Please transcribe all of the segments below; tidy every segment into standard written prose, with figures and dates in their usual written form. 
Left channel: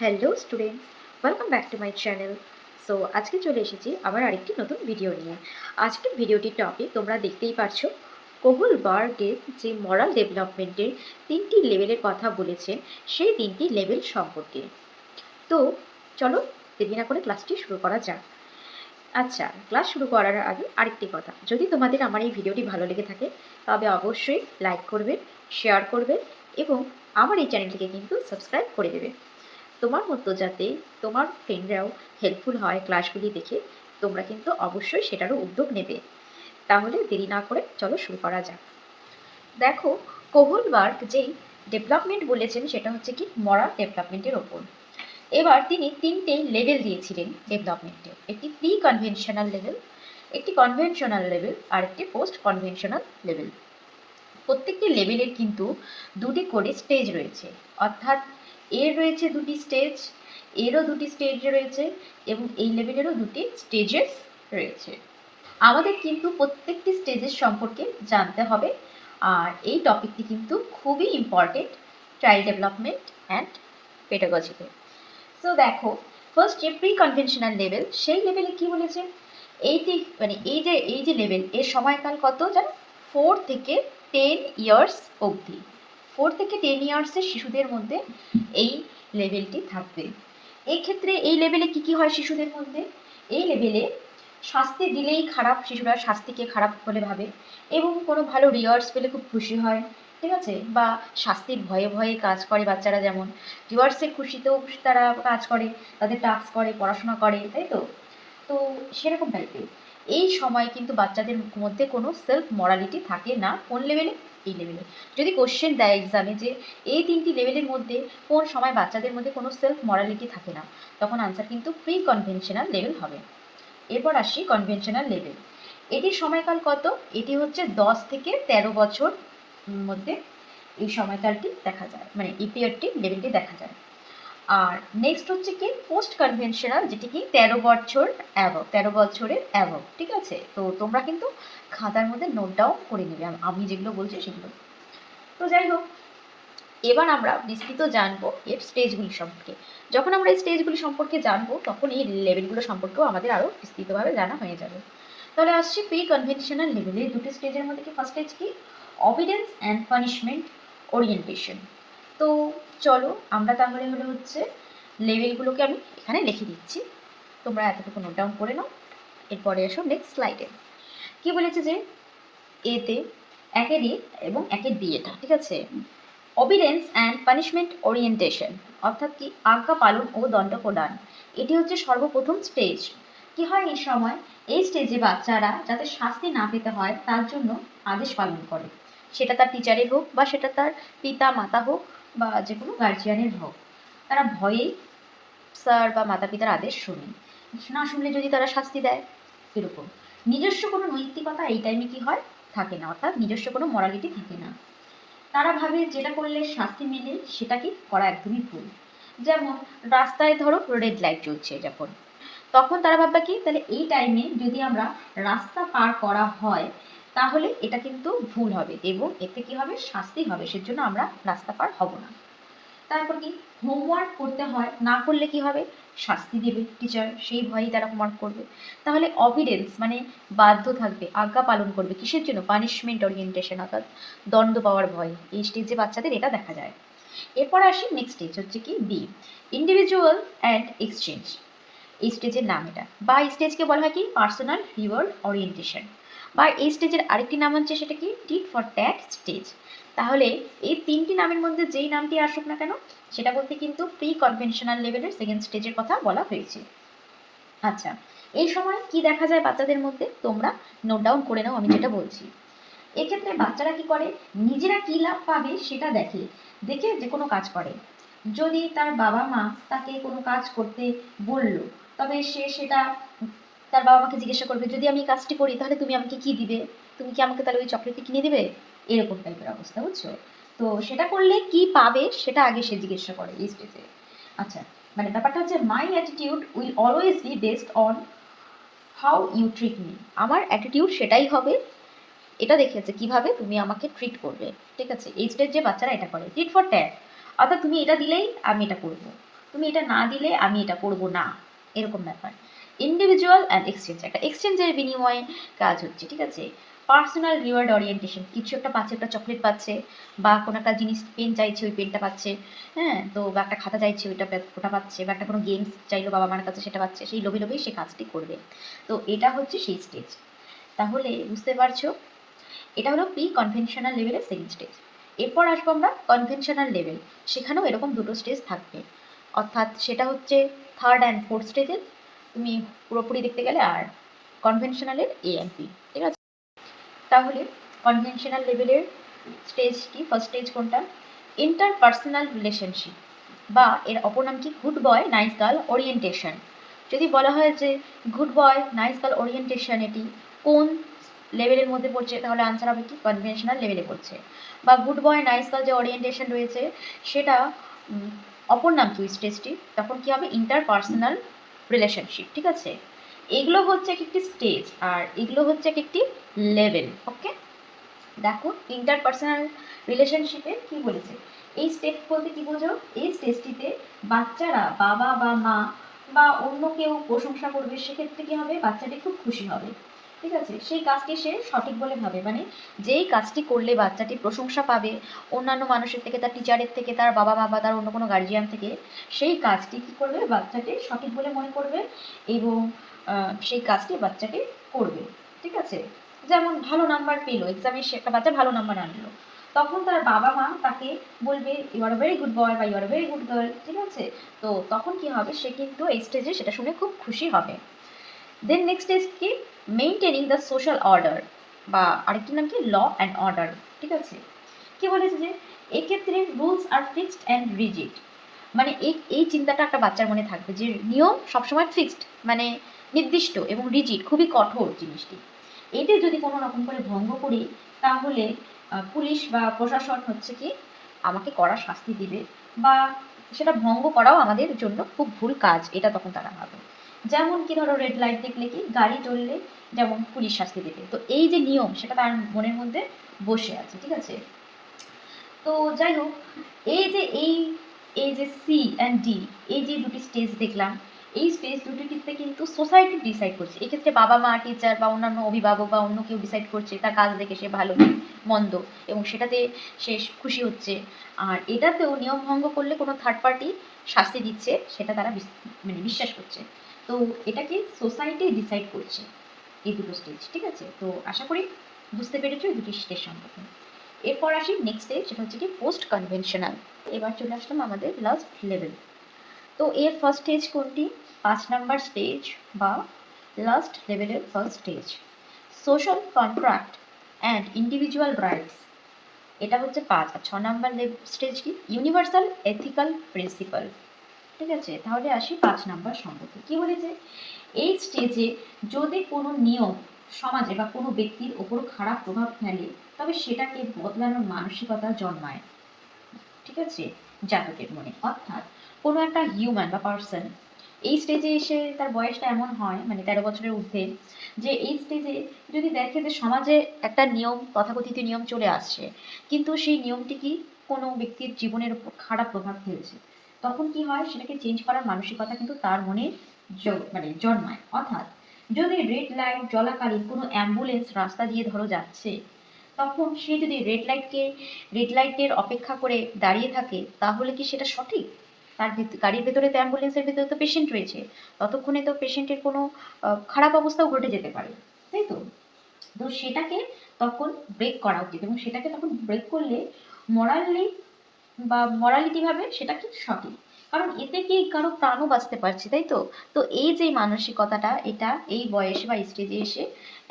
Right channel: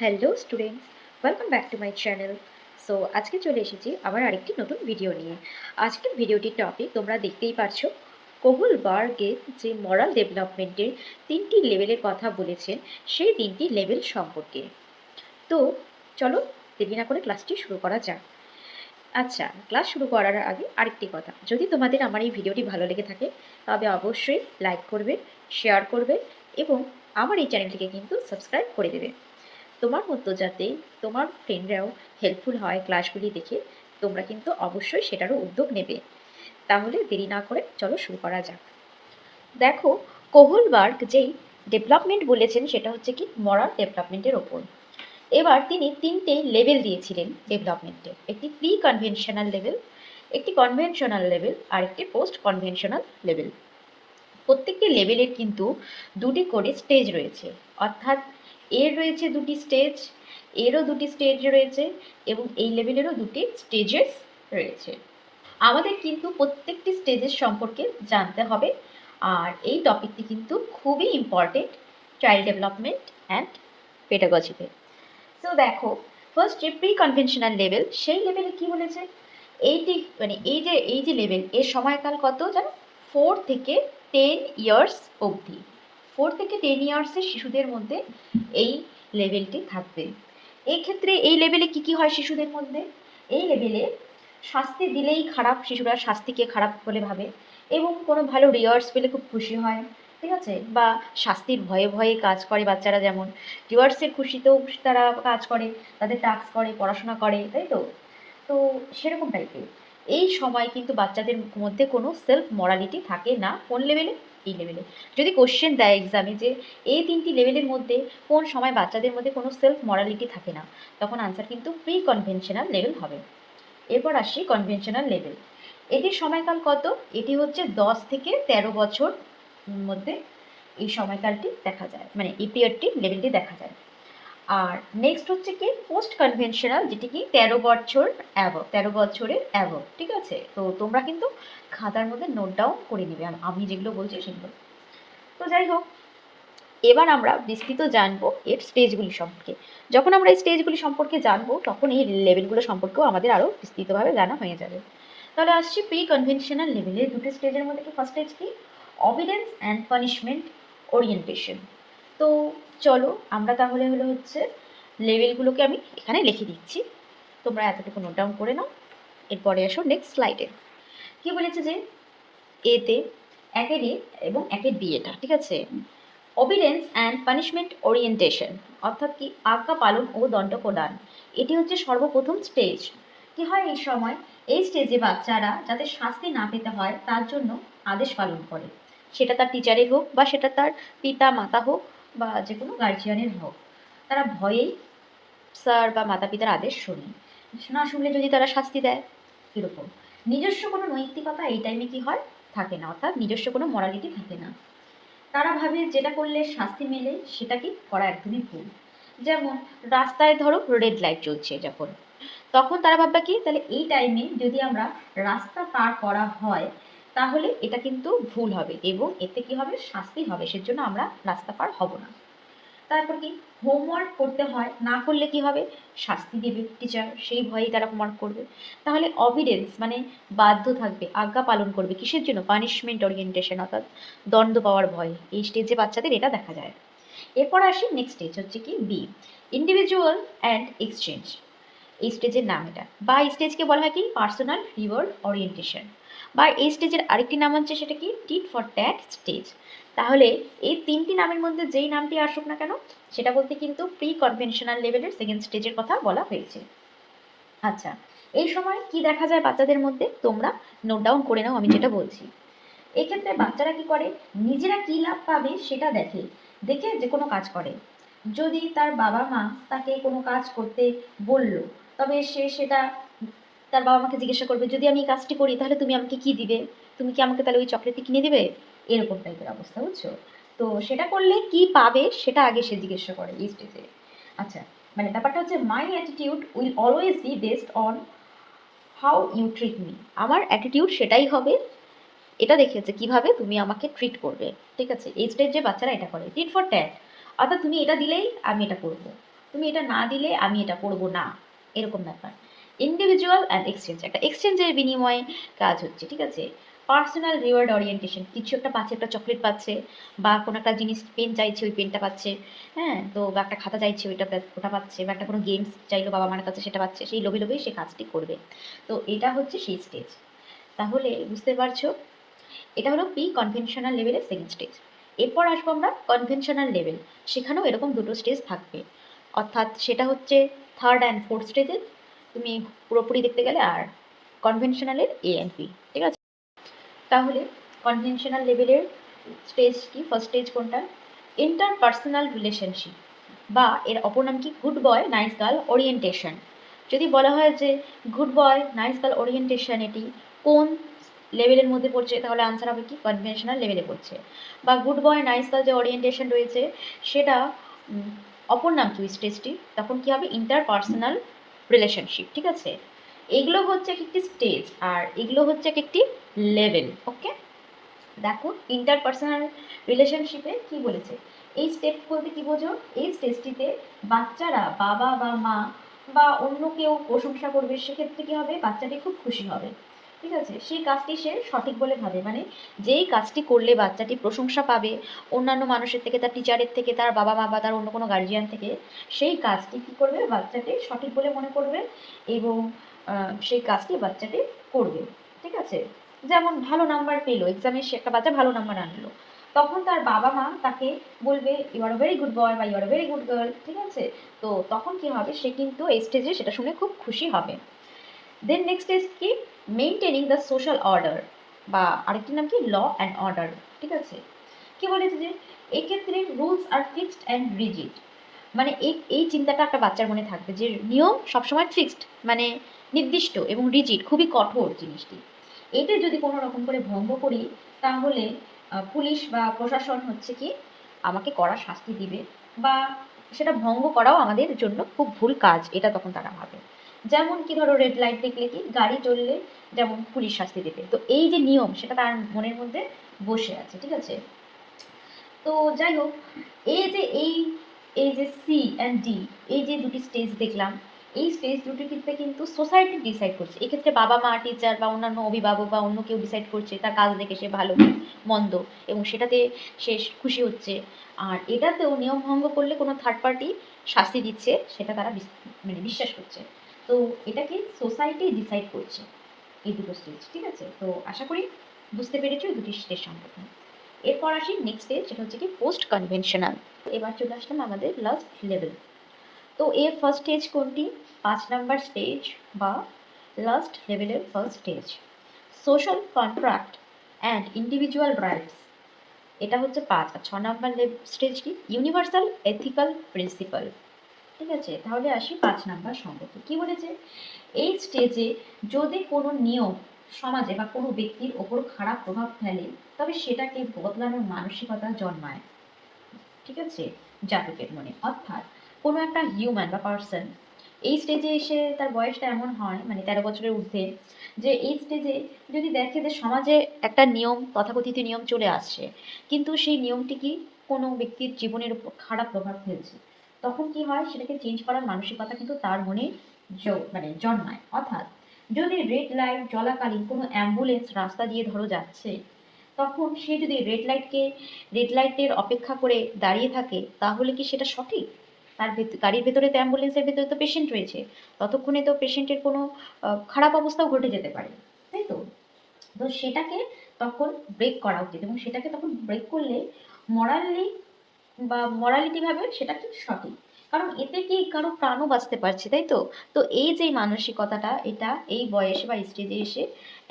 Hello students, welcome back to my channel. So আজকে চলে এসেছি আবার আরেকটি নতুন ভিডিও নিয়ে। আজকের ভিডিওটির টপিক তোমরা দেখতেই পারছো। কোহুল বার্গের যে মরাল ডেভেলপমেন্টের 3টি লেভেলের কথা বলেছেন, সেই 3টি লেভেল সম্পর্কে। তো চলো দেরি না করে ক্লাসটি শুরু করা যাক। আচ্ছা, ক্লাস শুরু করার আগে আরেকটি কথা, যদি তোমাদের আমার এই ভিডিওটি ভালো লেগে থাকে তবে অবশ্যই লাইক করবে, শেয়ার করবে এবং আমার এই চ্যানেলটিকে কিন্তু সাবস্ক্রাইব করে দেবে। তোমার মতো যাতে তোমার ফ্রেন্ডরাও হেল্পফুল হয় ক্লাসগুলি দেখে, তোমরা কিন্তু অবশ্যই সেটারও উদ্যোগ নেবে। তাহলে দেরি না করে চলো শুরু করা যাক। দেখো, কোহলবার্গ যেই ডেভেলপমেন্ট বলেছেন সেটা হচ্ছে কি মরাল ডেভেলপমেন্টের ওপর। এবার তিনি 3টে লেভেল দিয়েছিলেন ডেভেলপমেন্টে, একটি প্রি কনভেনশনাল লেভেল, একটি কনভেনশনাল লেভেল আর একটি পোস্ট কনভেনশনাল লেভেল। প্রত্যেকটি লেভেলের কিন্তু দুটি করে স্টেজ রয়েছে, অর্থাৎ এর রয়েছে দুটি স্টেজ, এরও দুটি স্টেজ রয়েছে এবং এই লেভেলেরও দুটি স্টেজেস রয়েছে। আমাদের কিন্তু প্রত্যেকটি স্টেজের সম্পর্কে জানতে হবে, আর এই টপিকটি কিন্তু খুবই ইম্পর্টেন্ট চাইল্ড ডেভেলপমেন্ট অ্যান্ড পেডাগজিতে। সো দেখো, ফার্স্ট যে প্রি কনভেনশনাল লেভেল, সেই লেভেলে কি বলেছে, এইটি মানে এই যে লেভেল, এর সময়কাল কত জানো? 4 থেকে 10 ইয়ার্স অবধি। 4 থেকে 10 ইয়ার্সের শিশুদের মধ্যে এই লেভেলটি থাকবে। এই ক্ষেত্রে এই লেভেলে কি হয় শিশুদের মধ্যে? এই লেভেলে শাস্তি দিলেই খারাপ, শিশুরা শাস্তিকে খারাপ বলে ভাবে এবং কোনো ভালো রিওয়ার্ডস পেলে খুব খুশি হয়, ঠিক আছে? বা শাস্তির ভয়ে ভয়ে কাজ করে বাচ্চারা, যেমন রিওয়ার্ডসের খুশিতেও তারা কাজ করে, তাদের টাস্ক করে, পড়াশোনা করে, তাই তো? তো সেরকম টাইপের এই সময় কিন্তু বাচ্চাদের মধ্যে কোনো সেলফ মরালিটি থাকে না। কোন লেভেলে? এই লেভেলে। যদি কোশ্চেন দেয় এক্সামে যে এই 3টি লেভেলের মধ্যে কোন সময় বাচ্চাদের মধ্যে কোনো সেলফ মরালিটি থাকে না, তখন আনসার কিন্তু প্রি কনভেনশনাল লেভেল হবে। এরপর আসি কনভেনশনাল লেভেল। এটির সময়কাল কত? এটি হচ্ছে 10 থেকে 13 বছর মধ্যে এই সময়কালটি দেখা যায়, মানে এই পিরিয়ডটি লেভেলটি দেখা যায়। আর নেক্সট হচ্ছে কি পোস্ট কনভেনশনাল, যেটি কি 13 বছর অ্যাবভ, 13 বছরের অ্যাবভ, ঠিক আছে? তো তোমরা কিন্তু খাতার মধ্যে নোট ডাউন করে নেবে আমি যেগুলো বলছি সেগুলো। তো যাই হোক, এবার আমরা বিস্তৃত জানবো এর স্টেজগুলি সম্পর্কে। যখন আমরা এই স্টেজগুলি সম্পর্কে জানবো তখন এই লেভেলগুলো সম্পর্কেও আমাদের আরও বিস্তৃতভাবে জানা হয়ে যাবে। তাহলে আসছি প্রি কনভেনশনাল লেভেলের দুটো স্টেজের মধ্যে কি ফার্স্ট স্টেজ কি? অবিডেন্স অ্যান্ড পানিশমেন্ট ওরিয়েন্টেশন। তো চলো আমরা তাহলে হচ্ছে লেভেলগুলোকে আমি এখানে লিখে দিচ্ছি, তোমরা এতটুকু নোট ডাউন করে নাও। এরপরে এসো নেক্সট স্লাইডে। কি বলেছে যে এতে একের এ এবং একের বি, এটা ঠিক আছে। অবিডেন্স অ্যান্ড পানিশমেন্ট ওরিয়েন্টেশন, অর্থাৎ কি আজ্ঞা পালন ও দণ্ড প্রদান, এটি হচ্ছে সর্বপ্রথম স্টেজ। কি হয় এই সময়? এই স্টেজে বাচ্চারা যাতে শাস্তি না পেতে হয় তার জন্য আদেশ পালন করে, সেটা তার টিচারের হোক বা সেটা তার পিতা মাতা হোক বা যে কোনো গার্জিয়ানের হোক। তারা ভয়েই স্যার বা মাতা পিতার আদেশ শোনে, না শুনলে যদি তারা শাস্তি দেয়, এরকম। নিজস্ব কোনো নৈতিকতা এই টাইমে কি হয়? থাকে না, অর্থাৎ নিজস্ব কোনো মরালিটি থাকে না। তারা ভাবে যেটা করলে শাস্তি মেলে সেটা কি করা একদমই ভুল। যেমন রাস্তায় ধরো রেড লাইট জ্বলছে যখন, তখন তারা ভাববে কি, তাহলে এই টাইমে যদি আমরা রাস্তা পার করা হয় তাহলে এটা কিন্তু ভুল হবে এবং এতে কি হবে? শাস্তি হবে, সেজন্য আমরা রাস্তা পার হব না। তারপর কি হোমওয়ার্ক করতে হয়, না করলে কি হবে? শাস্তি দেবে টিচার, সেই ভয়েই তারা হোমওয়ার্ক করবে। তাহলে অবিডেন্স মানে বাধ্য থাকবে, আজ্ঞা পালন করবে, কিসের জন্য? পানিশমেন্ট ওরিয়েন্টেশন, অর্থাৎ দণ্ড পাওয়ার ভয়। এই স্টেজে বাচ্চাদের এটা দেখা যায়। এরপর আসি নেক্সট স্টেজ হচ্ছে কি বি, ইন্ডিভিজুয়াল অ্যান্ড এক্সচেঞ্জ। এই স্টেজের নাম এটা, বা এই স্টেজকে বলা হয় কি পার্সোনাল রিওয়ার্ড ওরিয়েন্টেশন, বা এই স্টেজের আরেকটি নাম হচ্ছে সেটা কি টিট ফর ট্যাট স্টেজ। তাহলে এই 3টি নামের মধ্যে যেই নামটি আসুক না কেন, সেটা বলতে কিন্তু প্রি কনভেনশনাল লেভেলের সেকেন্ড স্টেজের কথা বলা হয়েছে। আচ্ছা, এই সময় কি দেখা যায় বাচ্চাদের মধ্যে? তোমরা নোট ডাউন করে নাও আমি যেটা বলছি। এক্ষেত্রে বাচ্চারা কি করে? নিজেরা কী লাভ পাবে সেটা দেখে, দেখে যে কোনো কাজ করে। যদি তার বাবা মা তাকে কোনো কাজ করতে বলল, তবে সে সেটা তার বাবা মাকে জিজ্ঞাসা করবে, যদি আমি এই কাজটি করি তাহলে তুমি আমাকে কি দিবে? তুমি কি আমাকে তাহলে ওই চকলেটটি কিনে দেবে? এরকম টাইপের অবস্থা, বুঝছো? তো সেটা করলে কি পাবে সেটা আগে সে জিজ্ঞাসা করে এই স্টেজে। আচ্ছা, মানে ব্যাপারটা হচ্ছে my attitude will always be based on how you treat me. আমার অ্যাটিটিউড সেটাই হবে, এটা দেখেছে কিভাবে তুমি আমাকে ট্রিট করবে, ঠিক আছে? এই স্টেজে বাচ্চারা এটা করে টিট ফর ট্যাট, অর্থাৎ তুমি এটা দিলেই আমি এটা করবো। তুমি এটা না দিলে আমি এটা করবো না, এরকম ব্যাপার। ইন্ডিভিজুয়াল অ্যান্ড এক্সচেঞ্জ, একটা এক্সচেঞ্জের বিনিময়ে কাজ হচ্ছে, ঠিক আছে। পার্সোনাল রিওয়ার্ড ওরিয়েন্টেশন, কিছু একটা পাচ্ছে, একটা চকলেট পাচ্ছে, বা কোনো একটা জিনিস, পেন চাইছে ওই পেনটা পাচ্ছে, হ্যাঁ, তো বা একটা খাতা চাইছে ওটা পাচ্ছে, বা একটা কোনো গেমস চাইলো বাবা মার কাছে সেটা পাচ্ছে, সেই লোভে লোভেই সে কাজটি করবে। তো এটা হচ্ছে সেই স্টেজ। তাহলে বুঝতে পারছো, এটা হলো প্রি কনভেনশনাল লেভেলের সেকেন্ড স্টেজ। এরপর আসবো আমরা কনভেনশনাল লেভেল, সেখানেও এরকম দুটো স্টেজ থাকবে, অর্থাৎ সেটা হচ্ছে থার্ড অ্যান্ড ফোর্থ স্টেজের তুমি পুরোপুরি দেখতে গেলে, আর কনভেনশনালের এ অ্যান্ড বি, ঠিক আছে। তাহলে কনভেনশনাল লেভেলের স্টেজ কি, ফার্স্ট স্টেজ কোনটা? ইন্টারপার্সোনাল রিলেশনশিপ, বা এর অপর নাম কি good boy nice girl orientation. যদি বলা হয় যে good boy nice girl orientation এটি কোন লেভেলের মধ্যে পড়ছে, তাহলে আনসার হবে কি কনভেনশনাল লেভেলে পড়ছে। বা গুড বয় নাইস গার্ল যে ওরিয়েন্টেশন রয়েছে সেটা অপর নাম কি স্টেজটি, তখন কি হবে ইন্টারপার্সোনাল রিলেশনশিপ, ঠিক আছে। এগুলো হচ্ছে এক একটি স্টেজ, আর এগুলো হচ্ছে এক একটি লেভেল। ওকে, দেখো ইন্টারপার্সোনাল রিলেশনশিপে কি বলেছে, এই স্টেপ বলতে কি বোঝো, এই স্টেজটিতে বাচ্চারা বাবা বা মা বা অন্য কেউ প্রশংসা করবে, সেক্ষেত্রে কি হবে, বাচ্চাটি খুব খুশি হবে, ঠিক আছে। সেই কাজটি সে সঠিক বলে ভাবে, মানে যেই কাজটি করলে বাচ্চাটি প্রশংসা পাবে অন্যান্য মানুষের থেকে, তার টিচারের থেকে, তার বাবা মা বা তার অন্য কোনো গার্জিয়ান থেকে, সেই কাজটি কী করবে, বাচ্চাটি সঠিক বলে মনে করবে এবং সেই কাজটি বাচ্চাটি করবে, ঠিক আছে। যেমন ভালো নাম্বার পেলো এক্সামে, সে একটা বাচ্চা ভালো নাম্বার আনলো, তখন তার বাবা মা তাকে বলবে you are very good boy বা you are very good girl, ঠিক আছে। তো তখন কি হবে, সে কিন্তু এই স্টেজে সেটা শুনে খুব খুশি হবে। দেন নেক্সট স্টেজ কি, মেইনটেনিং দ্য সোশ্যাল অর্ডার, বা আরেকটি নাম কি ল অ্যান্ড অর্ডার, ঠিক আছে। কি বলেছে যে এক্ষেত্রে rules are fixed and rigid, মানে এই চিন্তাটা একটা বাচ্চার মনে থাকবে যে নিয়ম সবসময় ফিক্সড, মানে নির্দিষ্ট, এবং রিজিড খুবই কঠোর জিনিসটি। এতে যদি কোনো রকম করে ভঙ্গ করি, তাহলে পুলিশ বা প্রশাসন হচ্ছে কি আমাকে কড়া শাস্তি দিবে, বা সেটা ভঙ্গ করাও আমাদের জন্য খুব ভুল কাজ, এটা তখন তারা ভাবে। যেমন কি ধরো রেড লাইট দেখলে কি গাড়ি চললে যেমন পুলিশ শাস্তি দেবে, তো এই যে নিয়ম সেটা তার মনের মধ্যে বসে আছে, ঠিক আছে। তো যাই হোক, এই যে এই যে সি অ্যান্ড ডি, এই যে দুটি স্টেজ দেখলাম, এই স্টেজ দুটিতে কিন্তু সোসাইটি ডিসাইড করছে, এক্ষেত্রে বাবা মা টিচার বা অন্যান্য অভিভাবক বা অন্য কেউ ডিসাইড করছে, তার কাজ দেখে সে ভালো মন্দ এবং সেটাতে সে খুশি হচ্ছে। আর এটাতেও নিয়ম ভঙ্গ করলে কোনো থার্ড পার্টি শাস্তি দিচ্ছে, সেটা তারা মানে বিশ্বাস করছে। তো এটাকে সোসাইটি ডিসাইড করছে, এই দুটো স্টেজ, ঠিক আছে। তো আশা করি বুঝতে পেরেছো এই দুটি স্টেজ সম্পর্কে। এরপর আসি নেক্সট স্টেজ, সেটা হচ্ছে কি পোস্ট কনভেনশনাল। এবার চলে আসলাম আমাদের লাস্ট লেভেল। তো এর ফার্স্ট স্টেজ কোনটি, 5 নাম্বার স্টেজ বা লাস্ট লেভেলের first stage, social contract and individual rights. এটা হচ্ছে 5। আর 6 নাম্বার স্টেজ কি, ইউনিভার্সাল এথিক্যাল প্রিন্সিপাল, ঠিক আছে। তাহলে আসি 5 নাম্বার সম্পর্কে। কি বলেছে, এই স্টেজে যদি কোনো নিয়ম সমাজে বা কোনো ব্যক্তির ওপর খারাপ প্রভাব ফেলে, তবে সেটাকে বদলানোর মানসিকতা জন্মায়, ঠিক আছে, জাতকের মনে। অর্থাৎ কোনো একটা হিউম্যান বা পার্সন এই স্টেজে এসে তার বয়সটা এমন হয়, মানে 13 বছরের ঊর্ধ্বে, যে এই স্টেজে যদি দেখে যে সমাজে একটা নিয়ম, তথাকথিত নিয়ম চলে আসছে, কিন্তু সেই নিয়মটি কি কোনো ব্যক্তির জীবনের উপর খারাপ প্রভাব ফেলছে, তখন কি হয়, সেটাকে চেঞ্জ করার মানসিকতা কিন্তু তার মনে মানে জন্মায়। অর্থাৎ যদি রেড লাইট চলাকালীন কোনো অ্যাম্বুলেন্স রাস্তা দিয়ে ধরো যাচ্ছে, তখন সে যদি রেড লাইটের অপেক্ষা করে দাঁড়িয়ে থাকে, তাহলে কি সেটা সঠিক? তার গাড়ির ভেতরে তো, অ্যাম্বুলেন্সের ভেতরে তো পেশেন্ট রয়েছে, ততক্ষণে তো পেশেন্টের কোনো খারাপ অবস্থাও ঘটে যেতে পারে, তাই তো। তো সেটাকে তখন ব্রেক করা উচিত, এবং সেটাকে তখন ব্রেক করলে মরালি বা মরালিটিভাবে সেটা কি সঠিক, কারণ এতে কি কারো প্রাণও বাঁচতে পারছে, তাই তো। তো এই যে মানসিকতাটা, এটা এই বয়সে বা স্টেজে এসে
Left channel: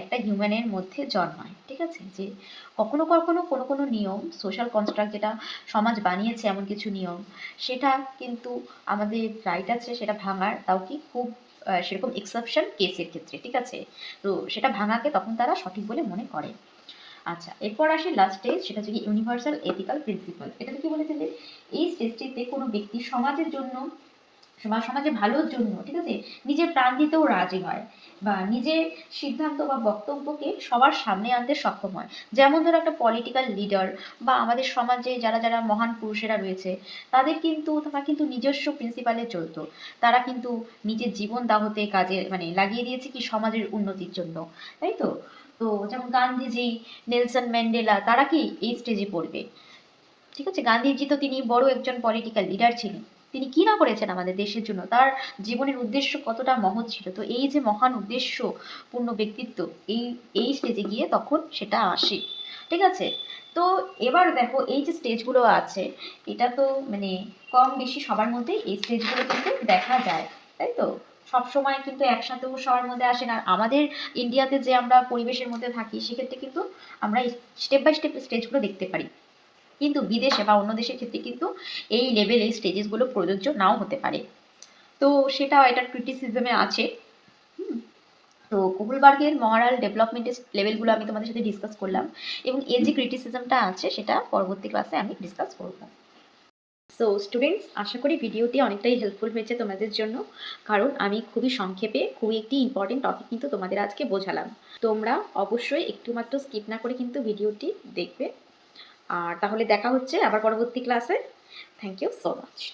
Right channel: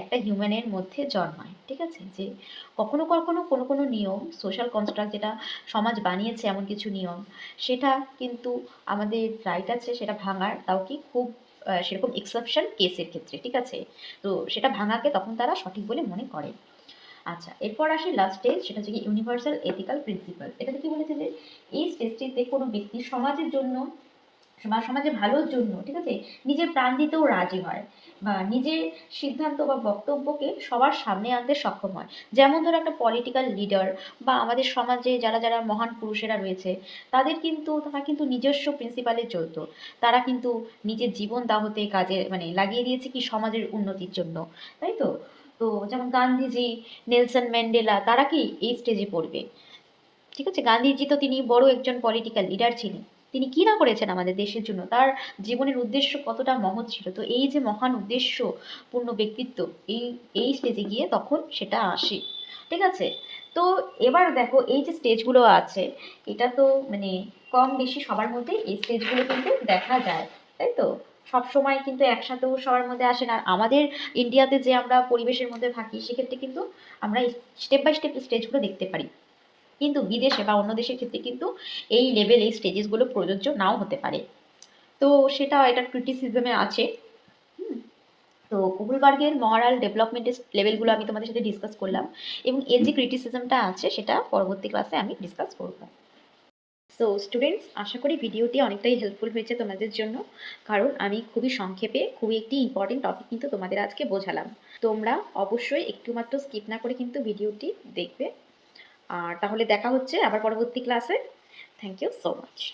একটা হিউম্যানের মধ্যে জন্মায়, ঠিক আছে। যে কখনো কখনো কোনো কোনো নিয়ম, সোশ্যাল কনস্ট্রাক্ট, যেটা সমাজ বানিয়েছে এমন কিছু নিয়ম, সেটা কিন্তু আমাদের রাইট আছে সেটা ভাঙার, তাও কি খুব সেরকম এক্সেপশন কেসের ক্ষেত্রে, ঠিক আছে। তো সেটা ভাঙাকে তখন তারা সঠিক বলে মনে করে। আচ্ছা, এরপর আসি লাস্ট স্টেজ, সেটা হচ্ছে কি ইউনিভার্সাল এথিক্যাল প্রিন্সিপাল। এটাতে কি বলেছে যে এই স্টেজটিতে কোনো ব্যক্তি সমাজের জন্য সমাজে ভালোর জন্য, ঠিক আছে, নিজের প্রাণ দিতেও রাজি হয় বা নিজের সিদ্ধান্ত বা বক্তব্যকে সবার সামনে আনতে সক্ষম হয়। যেমন ধরো একটা পলিটিক্যাল লিডার বা আমাদের সমাজে যারা যারা মহান পুরুষেরা রয়েছে, তারা কিন্তু নিজস্ব প্রিন্সিপালে চলতো। তারা কিন্তু নিজের জীবন দাহতে কাজে মানে লাগিয়ে দিয়েছে কি সমাজের উন্নতির জন্য, তাই তো? তো যেমন গান্ধীজি, নেলসন ম্যান্ডেলা, তারা কি এই স্টেজে পড়বে? ঠিক আছে, গান্ধীজি তো তিনি বড় একজন পলিটিক্যাল লিডার ছিলেন। তিনি কি না করেছেন আমাদের দেশের জন্য, তার জীবনের উদ্দেশ্য কতটা মহৎ ছিল। তো এই যে মহান উদ্দেশ্য পূর্ণ ব্যক্তিত্ব, এই এই স্টেজে গিয়ে তখন সেটা আসে। ঠিক আছে, তো এবার দেখো এই যে স্টেজগুলো আছে, এটা তো মানে কম বেশি সবার মধ্যে এই স্টেজগুলো কিন্তু দেখা যায়, তাই তো? সব সময় কিন্তু একসাথেও সবার মধ্যে আসে না। আমাদের ইন্ডিয়াতে যে আমরা পরিবেশের মধ্যে থাকি, সেক্ষেত্রে কিন্তু আমরা স্টেপ বাই স্টেপ স্টেজগুলো দেখতে পারি। কিন্তু বিদেশে বা অন্য দেশের ক্ষেত্রে কিন্তু এই লেভেল, এই স্টেজেসগুলো প্রযোজ্য নাও হতে পারে। তো সেটা এটার ক্রিটিসিজমে আছে। হুম, তো কুগলবার্গের মরাল ডেভেলপমেন্টের লেভেলগুলো আমি তোমাদের সাথে ডিসকাস করলাম, এবং এর যে ক্রিটিসিজমটা আছে সেটা পরবর্তী ক্লাসে আমি ডিসকাস করব। সো স্টুডেন্টস, আশা করি ভিডিওটি অনেকটাই হেল্পফুল হয়েছে তোমাদের জন্য, কারণ আমি খুবই সংক্ষেপে খুবই একটি ইম্পর্টেন্ট টপিক কিন্তু তোমাদের আজকে বোঝালাম। তোমরা অবশ্যই একটু মাত্র স্কিপ না করে কিন্তু ভিডিওটি দেখবে। আর তাহলে দেখা হচ্ছে আবার পরবর্তী ক্লাসে। Thank you so much.